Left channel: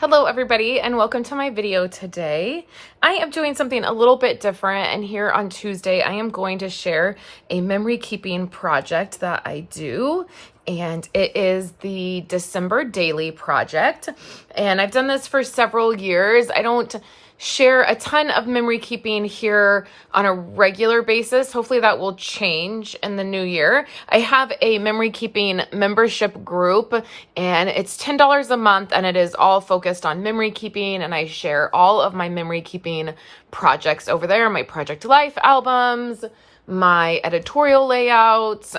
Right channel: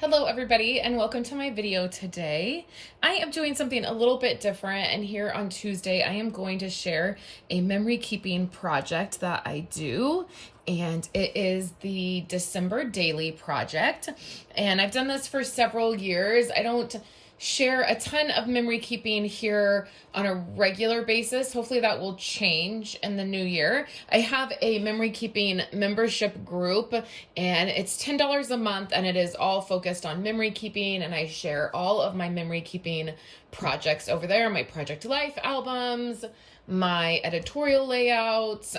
Hello everybody and welcome to my video today. I am doing something a little bit different, and here on Tuesday I am going to share a memory keeping project that I do, and it is the December daily project, and I've done this for several years. I don't share a ton of memory keeping here on a regular basis. Hopefully that will change in the new year. I have a memory keeping membership group, and it's $10 a month, and it is all focused on memory keeping, and I share all of my memory keeping projects over there, my project life albums, my editorial layouts,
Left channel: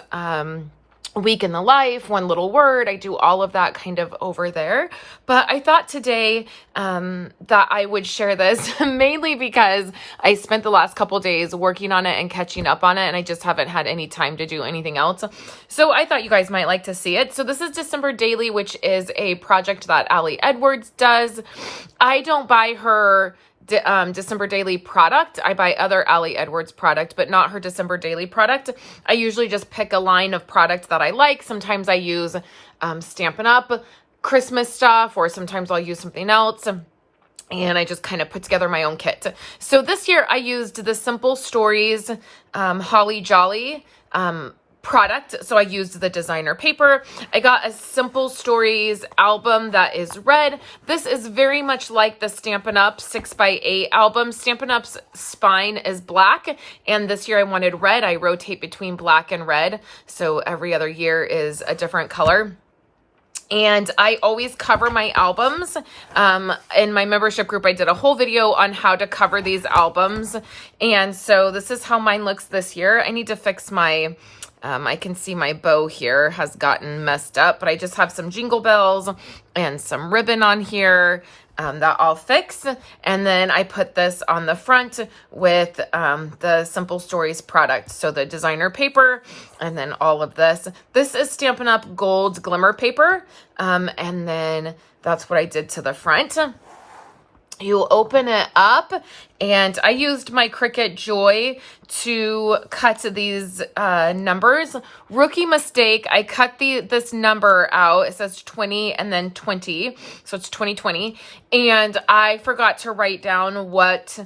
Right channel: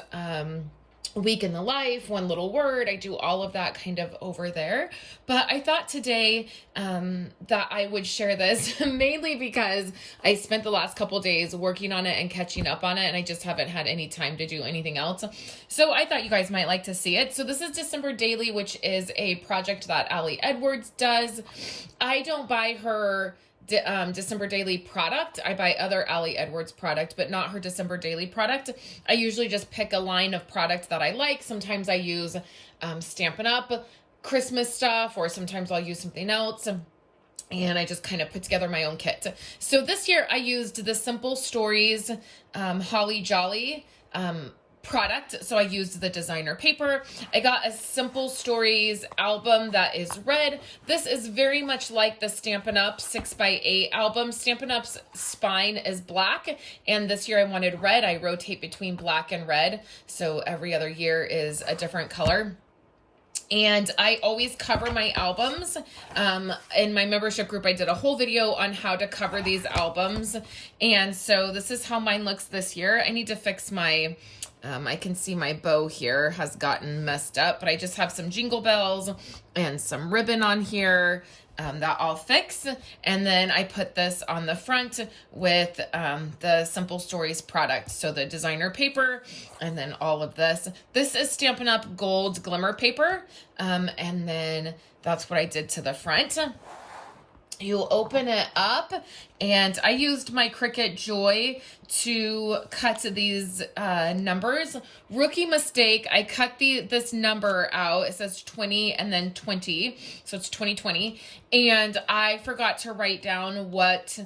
week in the life, one little word. I do all of that kind of over there. But I thought today that I would share this mainly because I spent the last couple days working on it and catching up on it, and I just haven't had any time to do anything else. So I thought you guys might like to see it. So this is December Daily, which is a project that Allie Edwards does. I don't buy her December Daily product. I buy other Allie Edwards product, but not her December Daily product. I usually just pick a line of products that I like. Sometimes I use Stampin' Up! Christmas stuff, or sometimes I'll use something else. And I just kind of put together my own kit. So this year I used the Simple Stories Holly Jolly product. So I used the designer paper. I got a Simple Stories album that is red. This is very much like the Stampin' Up! 6x8 album. Stampin' Up's spine is black, and this year I wanted red. I rotate between black and red, so every other year is a different color. And I always cover my albums. In my membership group, I did a whole video on how to cover these albums. And so this is how mine looks this year. I need to fix my I can see my bow here has gotten messed up, but I just have some jingle bells and some ribbon on here that I'll fix. And then I put this on the front with the Simple Stories product. So the designer paper, and then all of this. This is Stampin' Up! Gold Glimmer paper. And then that's what I did to the front. You open it up, and I used my Cricut Joy to cut these numbers. Rookie mistake, I cut this number out. It says 20 and then 20, so it's 2020. And I forgot to write down what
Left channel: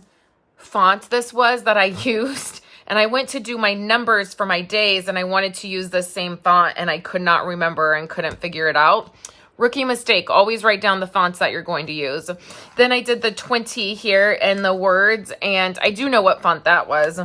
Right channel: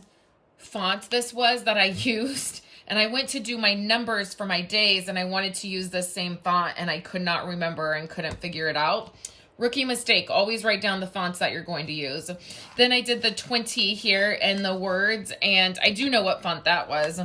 font this was that I used. And I went to do my numbers for my days, and I wanted to use the same font, and I could not remember and couldn't figure it out. Rookie mistake, always write down the fonts that you're going to use. Then I did the 20 here and the words, and I do know what font that was.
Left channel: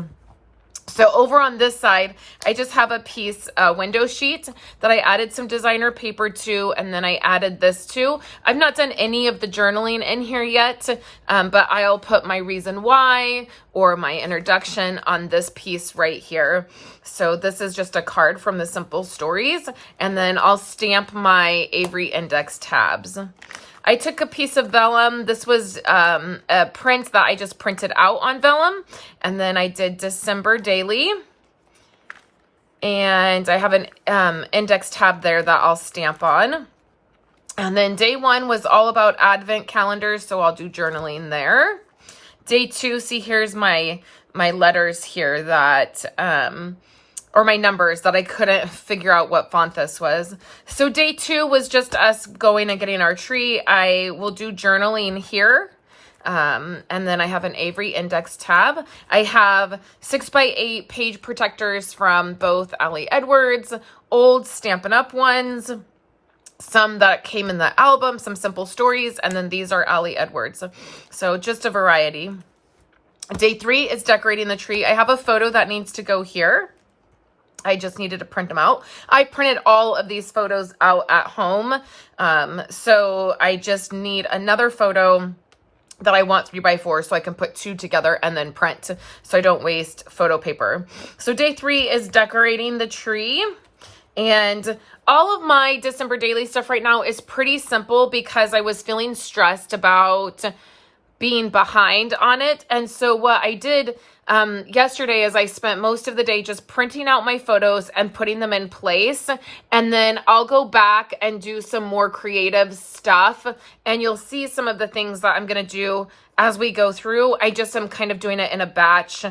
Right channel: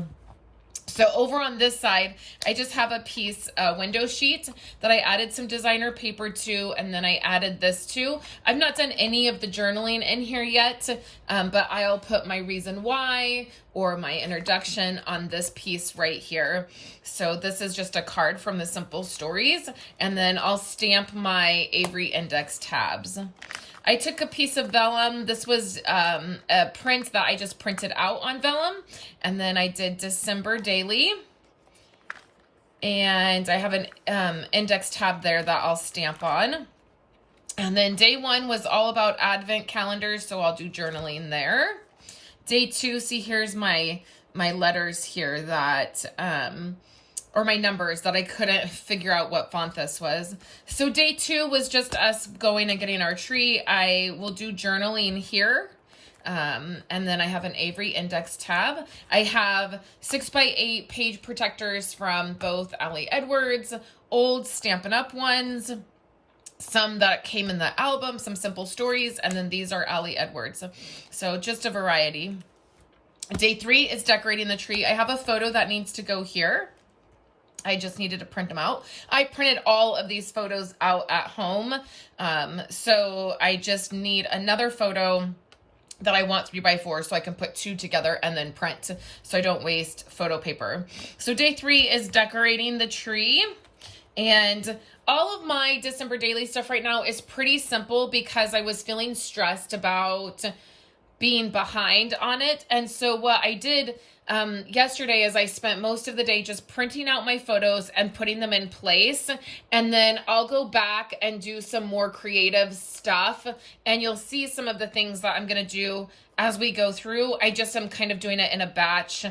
So over on this side, I just have a piece, window sheet that I added some designer paper to, and then I added this to. I've not done any of the journaling in here yet, but I'll put my reason why or my introduction on this piece right here. So this is just a card from the Simple Stories, and then I'll stamp my Avery index tabs. I took a piece of vellum. This was a print that I just printed out on vellum, and then I did December Daily, and I have an index tab there that I'll stamp on. And then day one was all about advent calendars, so I'll do journaling there. Day two, see, here's my letters here that or my numbers that I couldn't figure out what font this was. So day two was just us going and getting our tree. I will do journaling here. And then I have an Avery index tab. I have 6x8 page protectors from both Allie Edwards, old Stampin' Up! Ones, some that came in the album, some Simple Stories, and then these are Allie Edwards. So just a variety. Day three is decorating the tree. I have a photo that needs to go here. I just needed to print them out. I printed all of these photos out at home. So I just need another photo that I want 3x4 so I can put two together and then print so I don't waste photo paper. So day three is decorating the tree. And all of my December Daily stuff right now is pretty simple because I was feeling stressed about being behind on it. And so what I did yesterday is I spent most of the day just printing out my photos and putting them in place. And then I'll go back and do some more creative stuff. And you'll see some of the things that I'm going to do as we go through. I just am kind of doing it in a batch.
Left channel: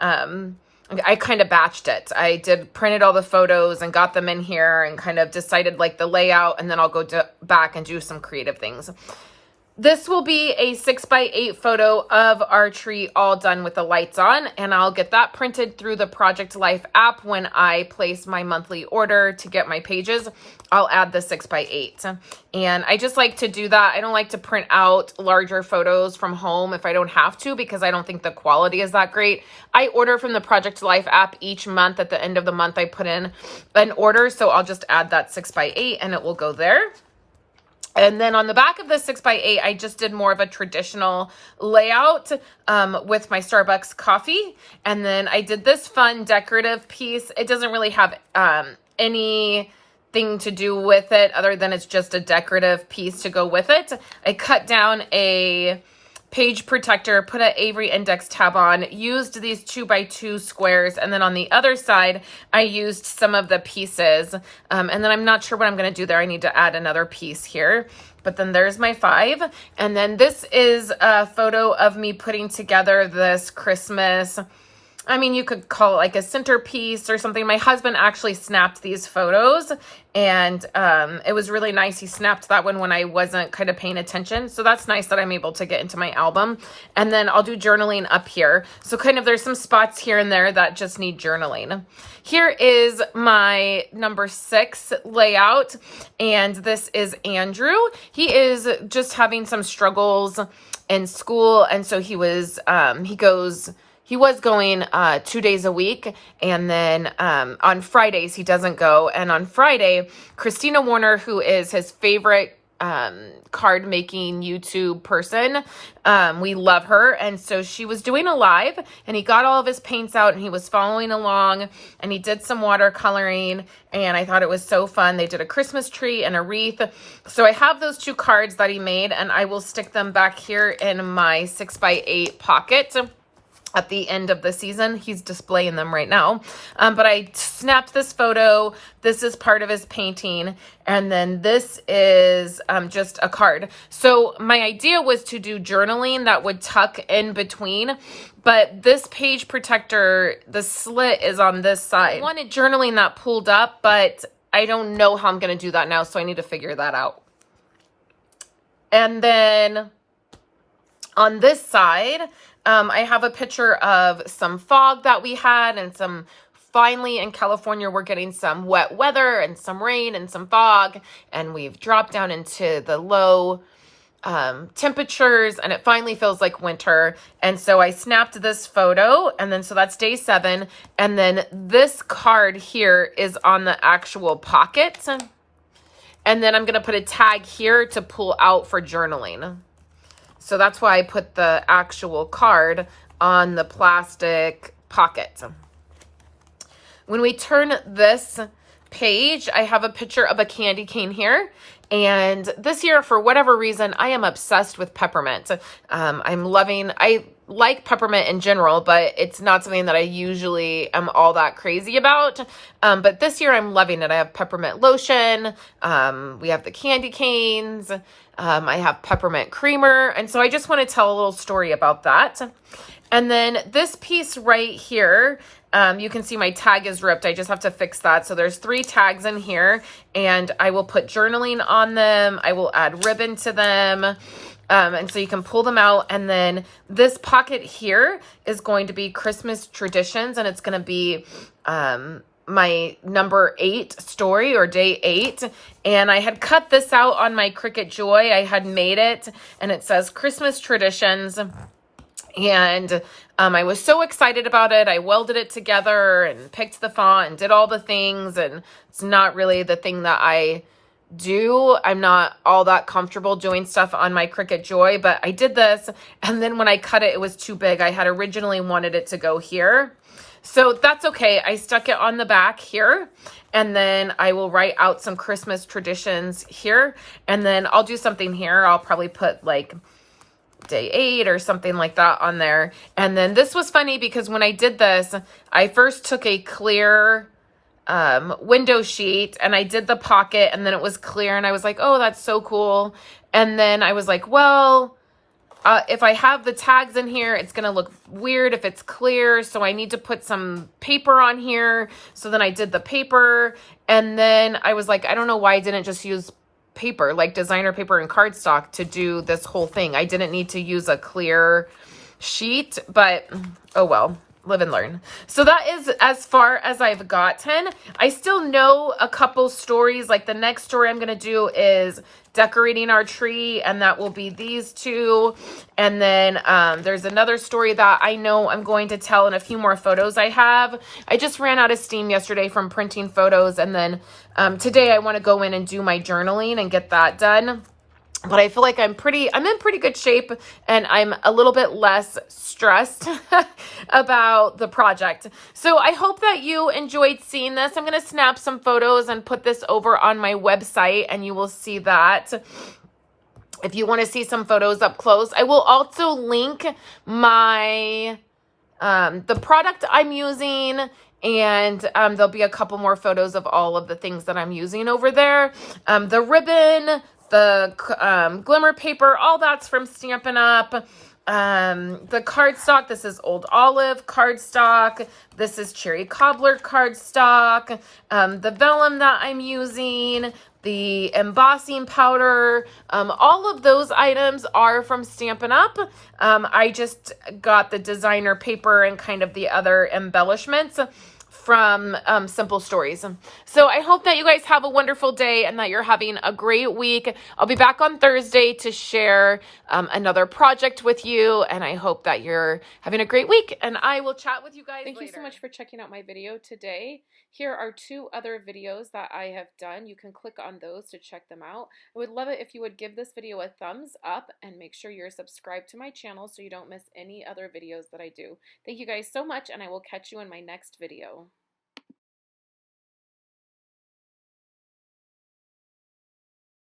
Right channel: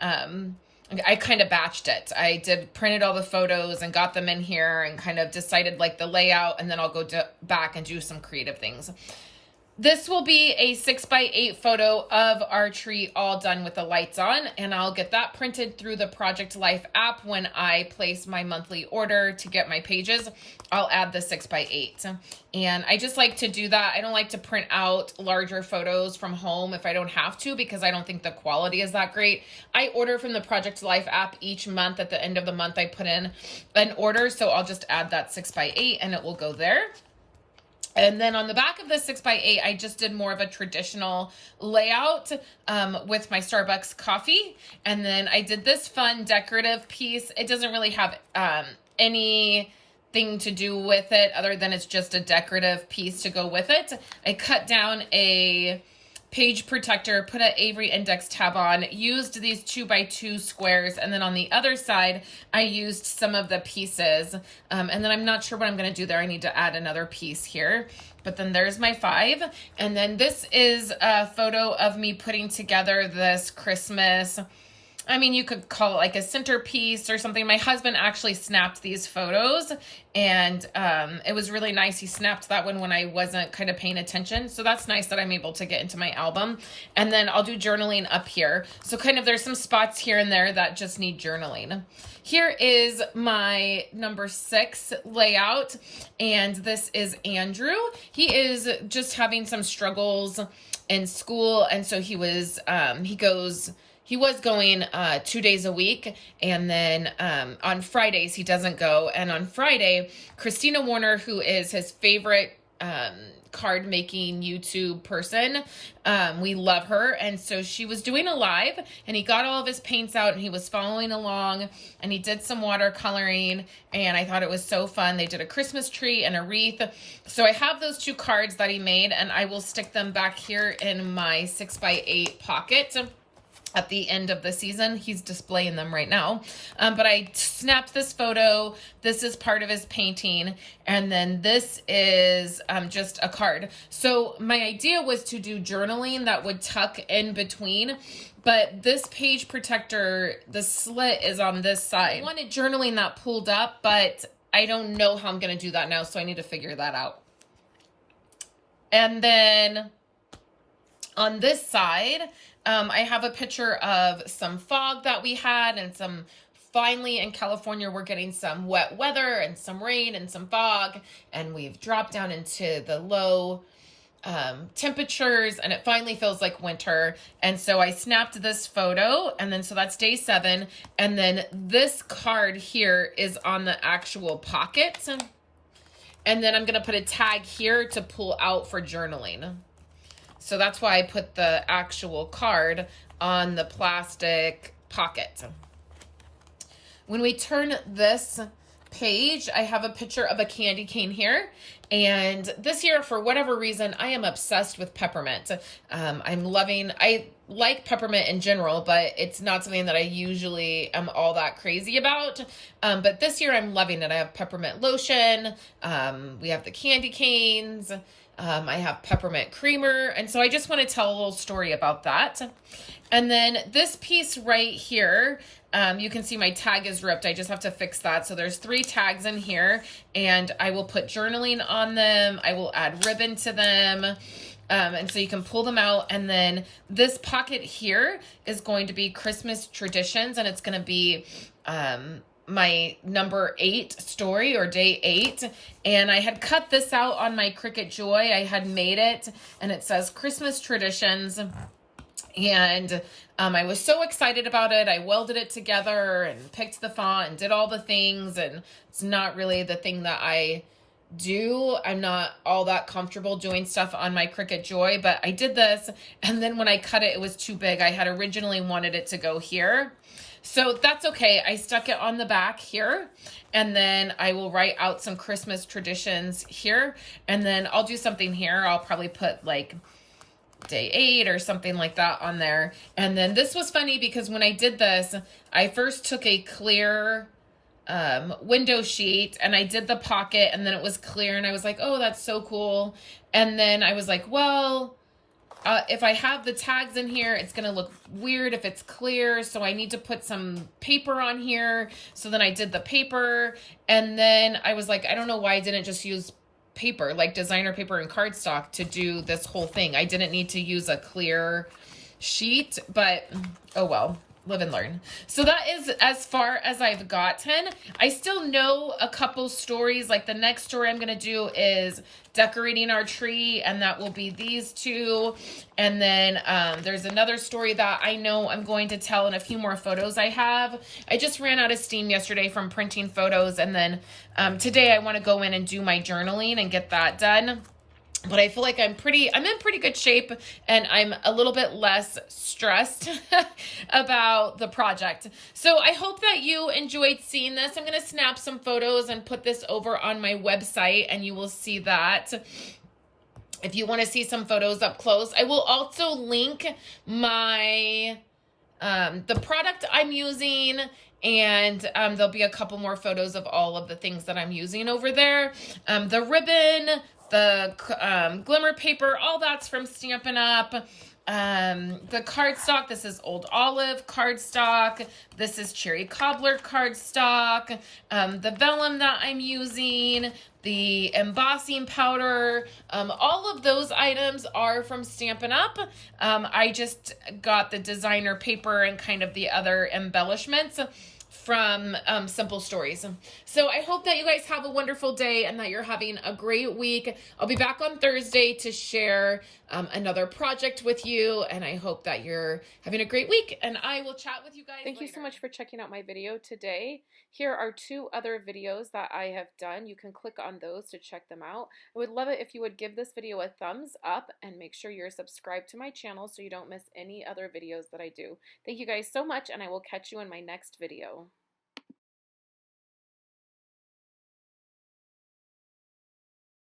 I kind of batched it. I printed all the photos and got them in here and kind of decided like the layout. And then I'll go back and do some creative things. This will be a 6x8 photo of our tree all done with the lights on, and I'll get that printed through the Project Life app when I place my monthly order to get my pages. I'll add the 6x8. And I just like to do that. I don't like to print out larger photos from home if I don't have to, because I don't think the quality is that great. I order from the Project Life app each month. At the end of the month, I put in an order, so I'll just add that 6x8 and it will go there. And then on the back of the 6x8, I just did more of a traditional layout with my Starbucks coffee. And then I did this fun decorative piece. It doesn't really have anything to do with it other than it's just a decorative piece to go with it. I cut down a page protector, put an Avery index tab on, used these 2x2 squares, and then on the other side, I used some of the pieces. And then I'm not sure what I'm gonna do there. I need to add another piece here. But then there's my 5. And then this is a photo of me putting together this Christmas, I mean, you could call it like a centerpiece or something. My husband actually snapped these photos, and it was really nice. He snapped that one when I wasn't kind of paying attention. So that's nice that I'm able to get into my album. And then I'll do journaling up here. So kind of there's some spots here and there that just need journaling. Here is my number 6 layout, and this is Andrew. He is just having some struggles in school, and so he was going 2 days a week, and then on Fridays he doesn't go. And on Friday, Christina Warner, who is his favorite card making YouTube person, we love her, and so she was doing a live, and he got all of his paints out and he was following along, and he did some watercoloring, and I thought it was so fun. They did a Christmas tree and a wreath. So I have those 2 cards that he made, and I will stick them back here in my 6x8 pocket. At the end of the season, he's displaying them right now. But I snapped this photo. This is part of his painting. And then this is just a card. So my idea was to do journaling that would tuck in between. But this page protector, the slit is on this side. I wanted journaling that pulled up, but I don't know how I'm going to do that now. So I need to figure that out. And then on this side, I have a picture of some fog that we had, and finally in California, we're getting some wet weather and some rain and some fog, and we've dropped down into the low temperatures, and it finally feels like winter. And so I snapped this photo, and then so that's day 7. And then this card here is on the actual pocket. And then I'm going to put a tag here to pull out for journaling. So that's why I put the actual card on the plastic pocket. When we turn this page, I have a picture of a candy cane here. And this year, for whatever reason, I am obsessed with peppermint. I like peppermint in general, but it's not something that I usually am all that crazy about. But this year I'm loving it. I have peppermint lotion. We have the candy canes. I have peppermint creamer. And so I just want to tell a little story about that. And then this piece right here, you can see my tag is ripped. I just have to fix that. So there's 3 tags in here, and I will put journaling on them. I will add ribbon to them. And so you can pull them out. And then this pocket here is going to be Christmas traditions, and it's going to be my number 8 story, or day 8. And I had cut this out on my Cricut Joy. I had made it, and it says Christmas traditions. And I was so excited about it. I welded it together and picked the font and did all the things. And it's not really the thing that I do. I'm not all that comfortable doing stuff on my Cricut Joy, but I did this. And then when I cut it, it was too big. I had originally wanted it to go here. So that's okay. I stuck it on the back here. And then I will write out some Christmas traditions here. And then I'll do something here. I'll probably put like day 8 or something like that on there. And then this was funny because when I did this, I first took a clear window sheet and I did the pocket, and then it was clear, and I was like, oh, that's so cool. And then I was like, well, if I have the tags in here, it's going to look weird if it's clear. So I need to put some paper on here. So then I did the paper, and then I was like, I don't know why I didn't just use paper, like designer paper and cardstock to do this whole thing. I didn't need to use a clear sheet, but oh well, live and learn. So that is as far as I've gotten. I still know a couple stories. Like the next story I'm going to do is decorating our tree, and that will be these two. And then there's another story that I know I'm going to tell in a few more photos I have. I just ran out of steam yesterday from printing photos, and then today I want to go in and do my journaling and get that done. But I feel like I'm in pretty good shape, and I'm a little bit less stressed about the project. So I hope that you enjoyed seeing this. I'm going to snap some photos and put this over on my website, and you will see that if you want to see some photos up close. I will also link my, the product I'm using, and there'll be a couple more photos of all of the things that I'm using over there. The ribbon, the glimmer paper, all that's from Stampin' Up. The cardstock, this is Old Olive cardstock. This is Cherry Cobbler cardstock. The vellum that I'm using, the embossing powder, all of those items are from Stampin' Up. I just got the designer paper and kind of the other embellishments from Simple Stories. So I hope that you guys have a wonderful day and that you're having a great week. I'll be back on Thursday to share another project with you, and I hope that you're having a great week, and I will chat with you guys later. Thank you so much for checking out my video today. Here are 2 other videos that I have done. You can click on those to check them out. I would love it if you would give this video a thumbs up and make sure you're subscribed to my channel so you don't miss any other videos that I do. Thank you guys so much, and I will catch you in my next video.